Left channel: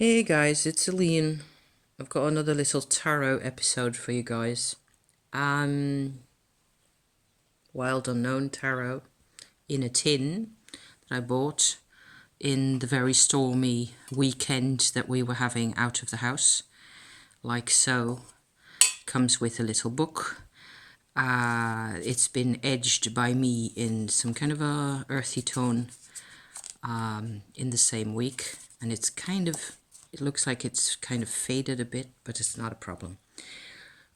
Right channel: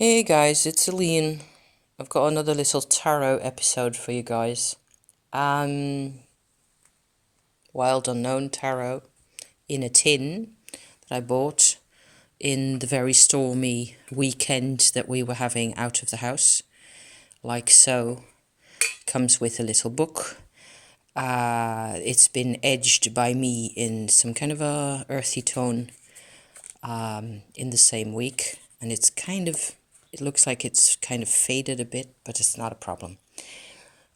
Hey guys, it's Aline. I've got another little tarot episode for you guys. Um, Wild Unknown Tarot in a tin that I bought in the very stormy weekend that we were having out of the house. Like so. Comes with a little book. It's been edged by me in some kind of a earthy tone in the same week. And it looks like it's kind of faded a bit, but it's not a problem.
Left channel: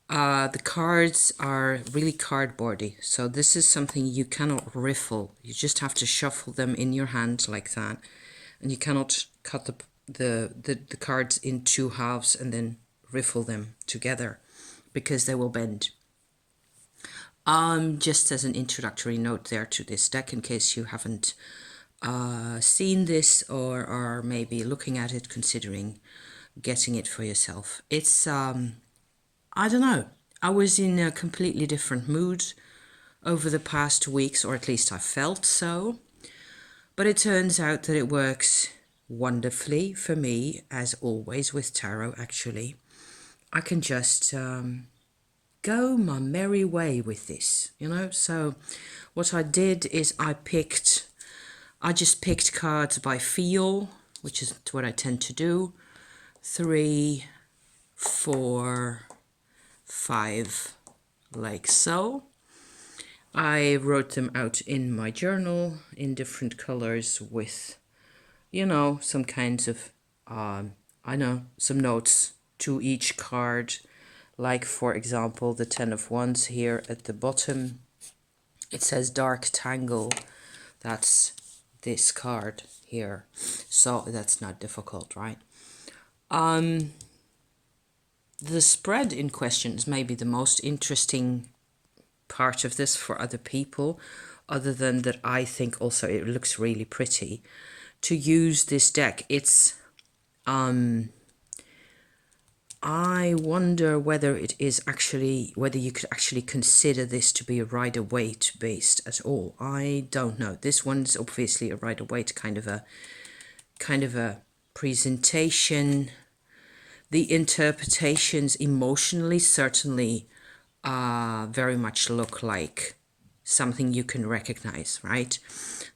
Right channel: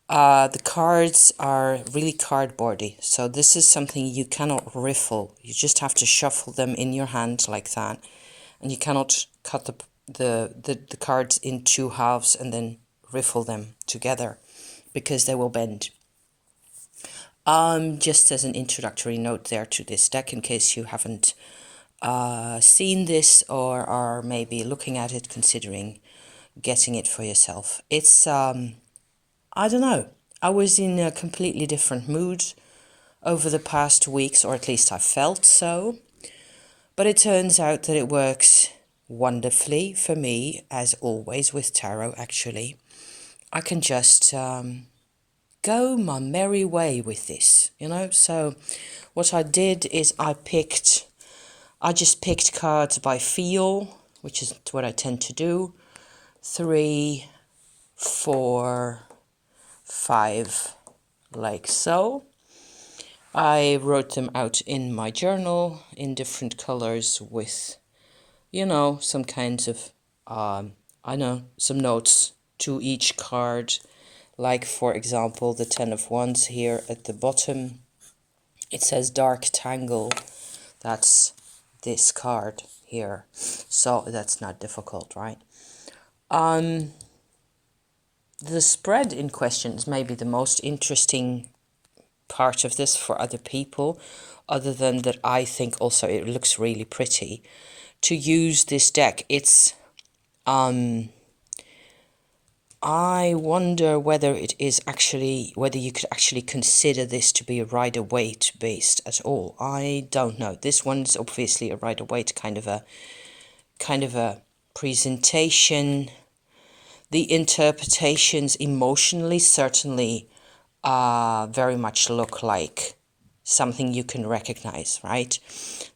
The cards are really cardboardy, so this is something you cannot riffle. You just have to shuffle them in your hand like that, and you cannot cut the cards in two halves and then riffle them together because they will bend. Just as an introductory note there to this deck, in case you haven't seen this or are maybe looking at it, considering getting it for yourself. It's I don't know. I was in a completely different mood over the past weeks, or at least I felt so. But it turns out that it works wonderfully for me, as always with tarot, actually. I can just go my merry way with this, you know? So what I did is I just picked cards by feel, which is what I tend to do. 3, 4, 5, like so. I wrote them out in my journal in different colors with, some kinds of, some notes to each card. Like, for example, the 10 of Wands here at the bottom. It says Dark Tangle. That's this card here. So that's not difficult, right? The spread in question is maybe the most interesting part of this for other people, other than that I think also it looks really pretty to use this deck. It's I wonder whether you could actually consider this to be a Rider-Waite based at all. I don't know. This one's obviously a Rider-Waite kind of a presentation. The interpretations emotionally certainly very much look like something you can recognize, right?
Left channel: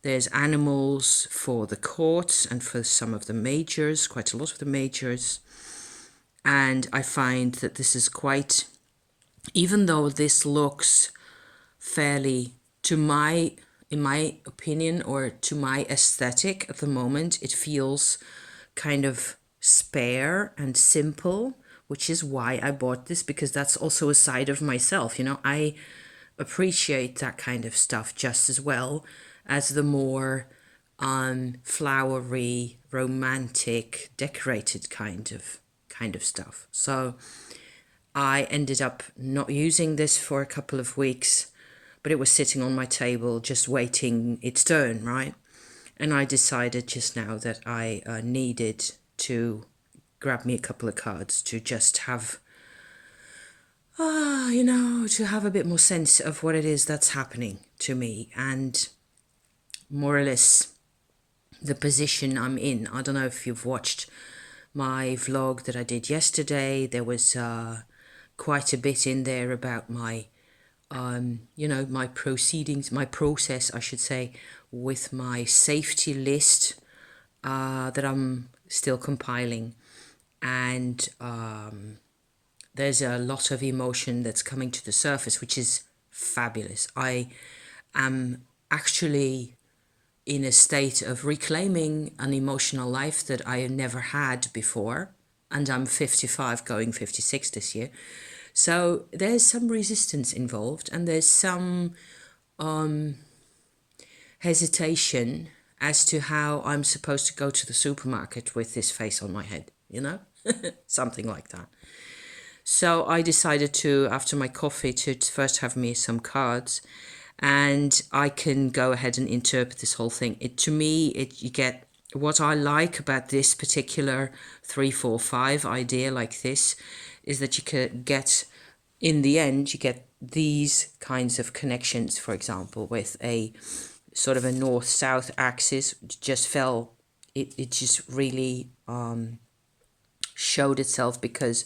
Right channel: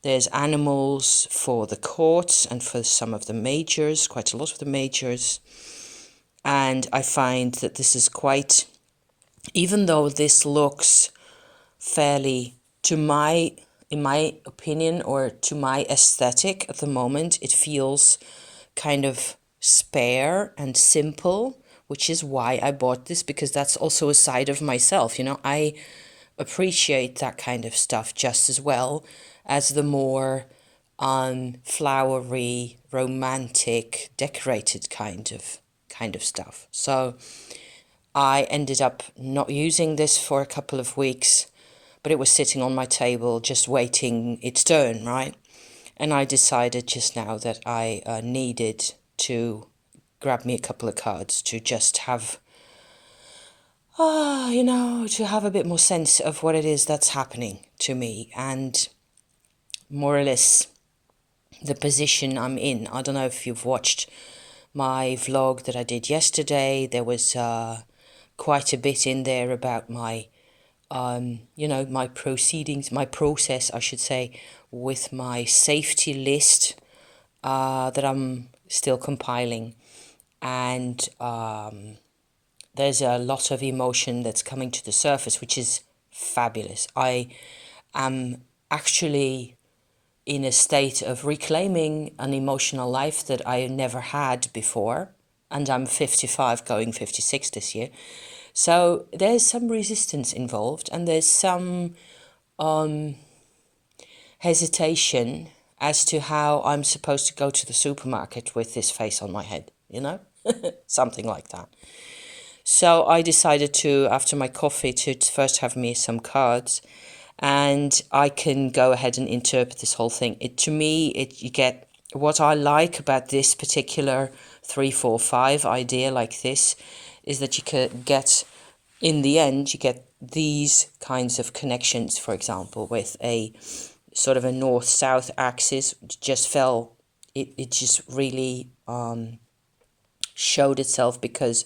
There's animals for the courts and for some of the majors, quite a lot of the majors. And I find that this is quite, even though this looks fairly, in my opinion, or to my aesthetic at the moment, it feels kind of spare and simple, which is why I bought this, because that's also a side of myself. I appreciate that kind of stuff just as well as the more flowery, romantic, decorated kind of stuff. So I ended up not using this for a couple of weeks, but it was sitting on my table just waiting its turn, right? And I decided just now that I needed to grab me a couple of cards to just have, to have a bit more sense of what it is that's happening to me and more or less the position I'm in. I don't know if you've watched my vlog that I did yesterday. There was quite a bit in there about my, my proceedings, my process, I should say, with my safety list that I'm still compiling. And there's a lot of emotion that's coming to the surface, which is fabulous. I am actually in a state of reclaiming an emotional life that I never had before. And I'm 55, going 56 this year. So there's some resistance involved, and there's some hesitation as to how I'm supposed to go to the supermarket with this face on my head, something like that. So I decided to, after my coffee, to first have me some cards, and I can go ahead and interpret this whole thing. You get what I like about this particular 3, 4, 5 idea like this is that you can get, in the end, you get these kinds of connections, for example, with a sort of a north-south axis. It just really showed itself because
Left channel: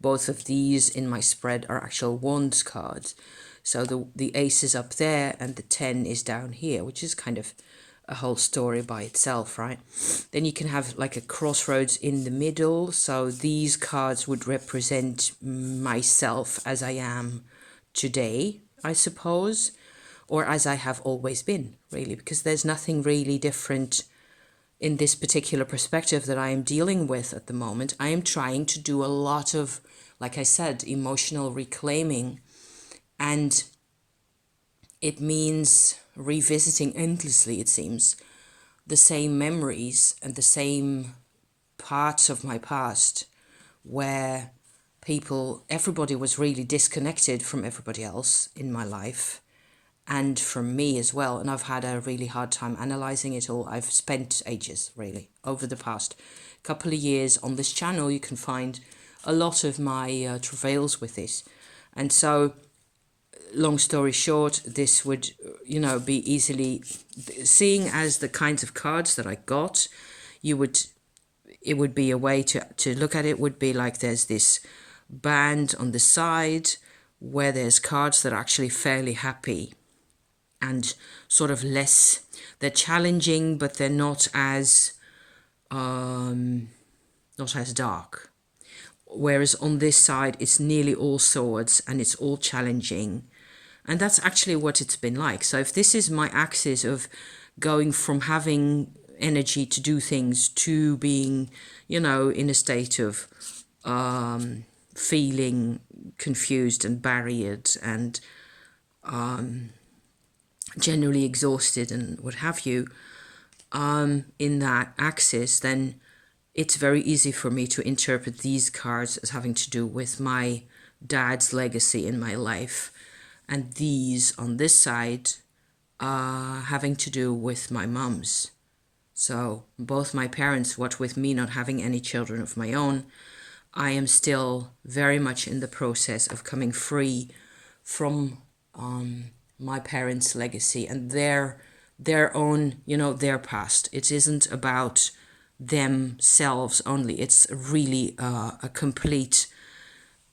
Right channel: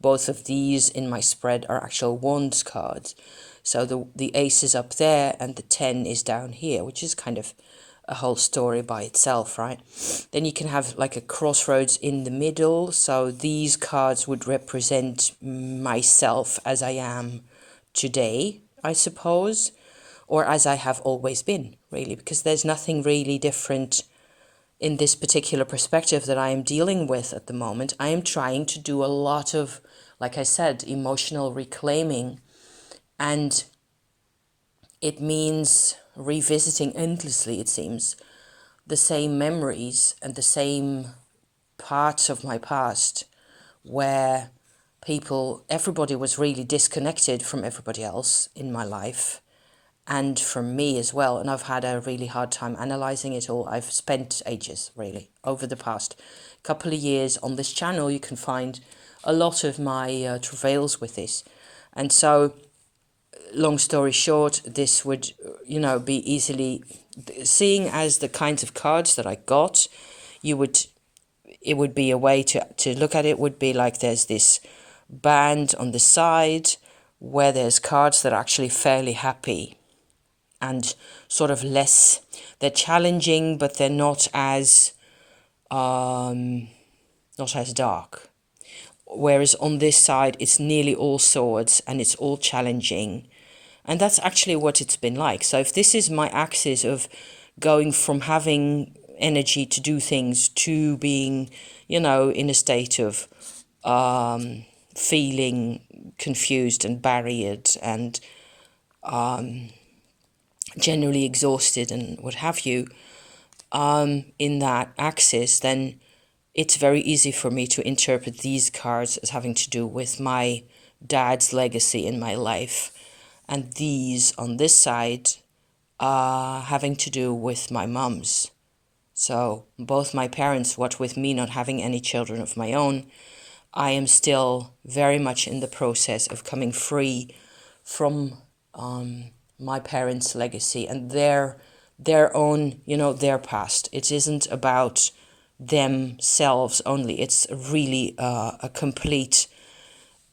both of these in my spread are actual wands cards. So the ace is up there and the 10 is down here, which is kind of a whole story by itself, right? Then you can have like a crossroads in the middle. So these cards would represent myself as I am today, I suppose, or as I have always been, really, because there's nothing really different in this particular perspective that I am dealing with at the moment. I am trying to do a lot of, like I said, emotional reclaiming, and it means revisiting endlessly, it seems, the same memories and the same parts of my past where everybody was really disconnected from everybody else in my life and from me as well. And I've had a really hard time analyzing it all. I've spent ages, really, over the past couple of years on this channel. You can find a lot of my travails with this. And so, long story short, this would, be easily, seeing as the kinds of cards that I got, it would be a way to look at it, would be like there's this band on the side where there's cards that are actually fairly happy and sort of less, they're challenging, but they're not as dark. Whereas on this side, it's nearly all swords and it's all challenging. And that's actually what it's been like. So if this is my axis of going from having energy to do things to being, in a state of feeling confused and barriered and generally exhausted and what have you, in that axis, then it's very easy for me to interpret these cards as having to do with my dad's legacy in my life, and these on this side having to do with my mum's. So both my parents, what with me not having any children of my own, I am still very much in the process of coming free from my parents' legacy and their own, their past. It isn't about themselves only. It's really a complete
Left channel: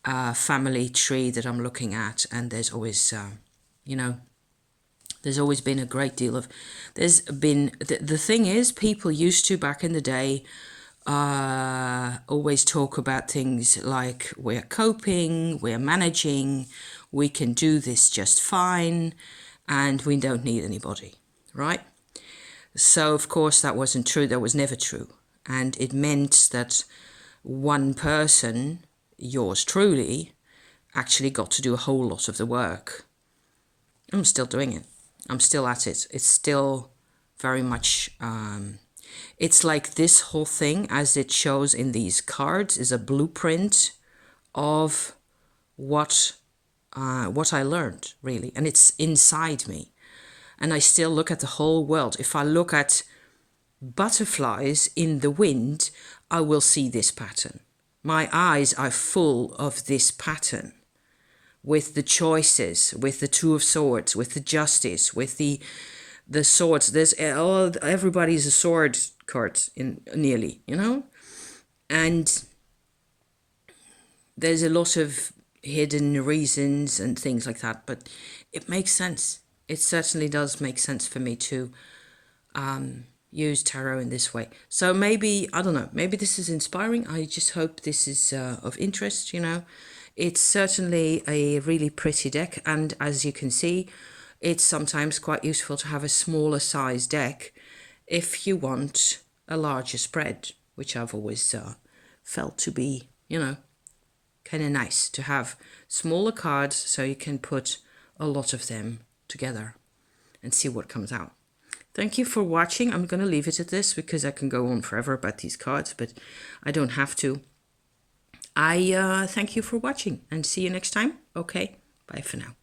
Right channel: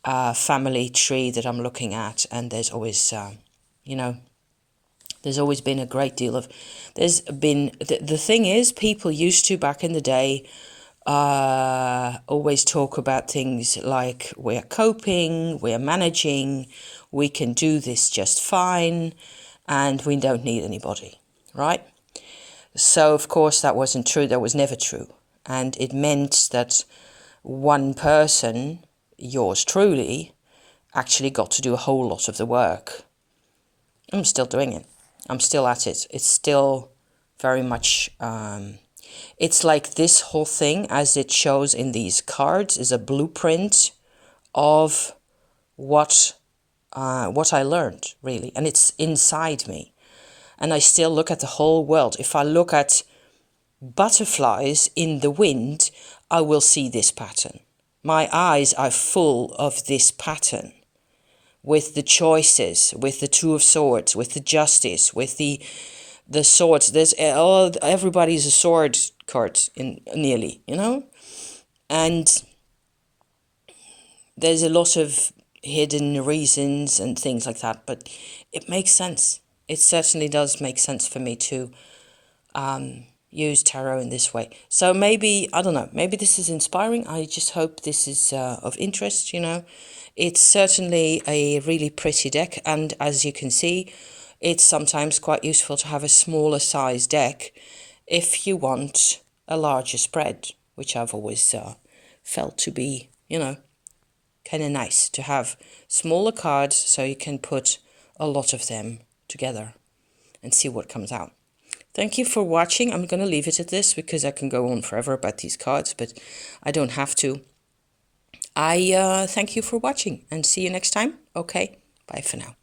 family tree that I'm looking at, and there's always, there's always been a great deal of, the thing is, people used to, back in the day, always talk about things like we're coping, we're managing, we can do this just fine, and we don't need anybody, right? So, of course, that wasn't true. That was never true. And it meant that one person, yours truly, actually got to do a whole lot of the work. I'm still doing it. I'm still at it. It's still very much, it's like this whole thing, as it shows in these cards, is a blueprint of what I learned, really. And it's inside me. And I still look at the whole world. If I look at butterflies in the wind, I will see this pattern. My eyes are full of this pattern, with the choices, with the Two of Swords, with the Justice, with the swords. There's everybody's a sword card in nearly, and there's a lot of hidden reasons and things like that, but it makes sense. It certainly does make sense for me to use tarot in this way. So maybe, I don't know, maybe this is inspiring. I just hope this is of interest, It's certainly a really pretty deck, and as you can see, it's sometimes quite useful to have a smaller size deck if you want a larger spread, which I've always felt to be, kind of nice to have smaller cards so you can put a lot of them together and see what comes out. Thank you for watching. I'm going to leave it at this because I can go on forever about these cards, but I don't have to. I thank you for watching and see you next time. Okay, bye for now.